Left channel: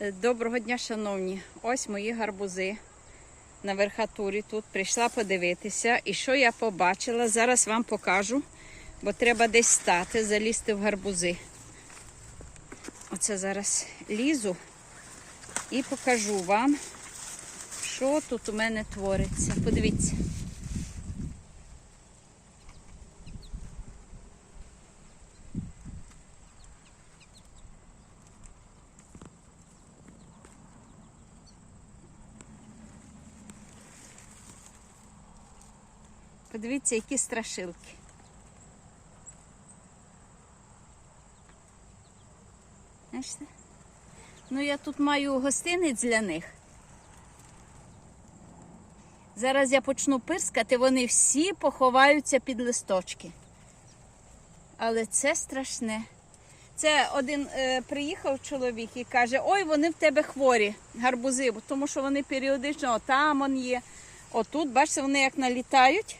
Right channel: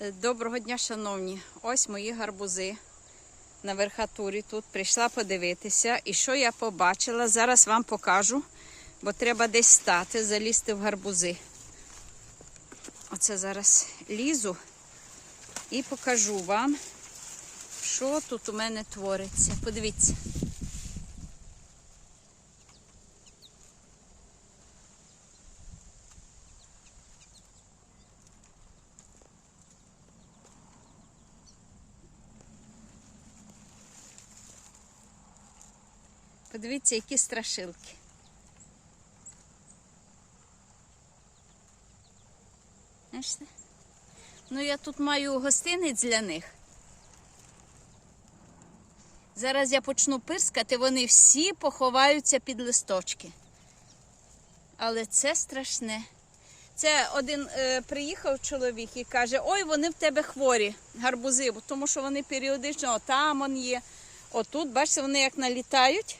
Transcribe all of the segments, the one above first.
Доброго дня, шановні. Ось мої гарбузи на верхатурі тут. Прийшла подивитися. І що я побачила? Зараз вам покажу, бо треба десь стати, залізти в гарбузи. Оце зараз лізу і покажу вам, що тут у мене твориться. Подивіться. Подивіться, які страшилки. Бачите? Ну, я тут маю гостинець для них. Зараз я почну пирскати, вони всі поховаються під листочки. Але це страшне. Це один е, приїхав чоловік і каже: Ой, вони в тебе хворі, гарбузи, тому що вони періодично отам он є. Отут, бачите, вони як налітають.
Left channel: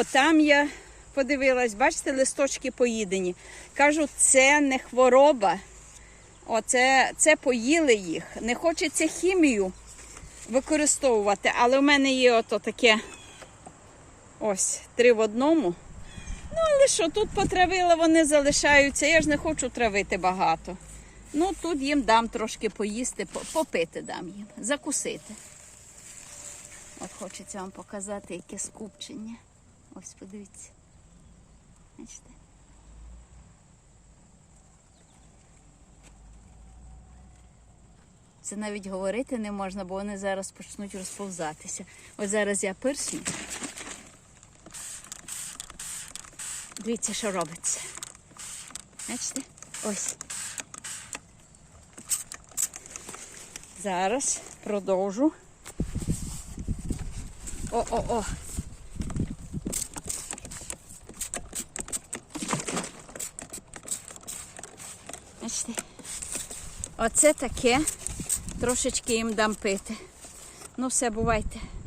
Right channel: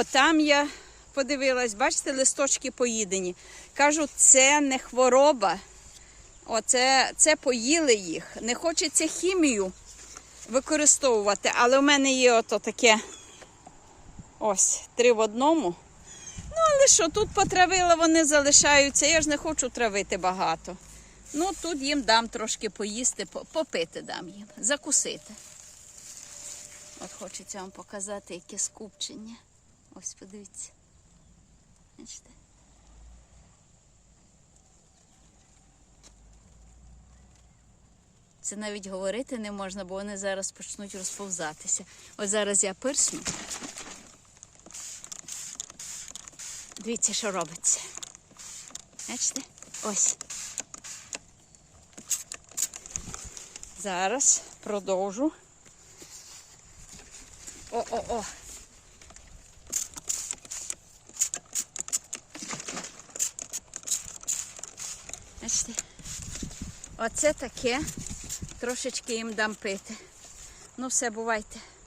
Отам я подивилась, бачите, листочки поїдені. Кажу, це не хвороба. Оце це поїли їх. Не хочеться хімію використовувати, але в мене є ото таке ось три в одному. Ну, але що, тут потравила, вони залишаються. Я ж не хочу травити багато. Ну, тут їм дам трошки поїсти, попити дам їм, закусити. От хочеться вам показати, яке скупчення. Ось подивіться. Бачите? Це навіть говорити не можна, бо вони зараз почнуть розповзатися. Ось зараз я пирсну. Дивіться, що робиться. Бачите? Ось. Зараз продовжу. О-о-о. Бачите? Оце таке. Трошечки їм дам пити. Ну, все, бувайте.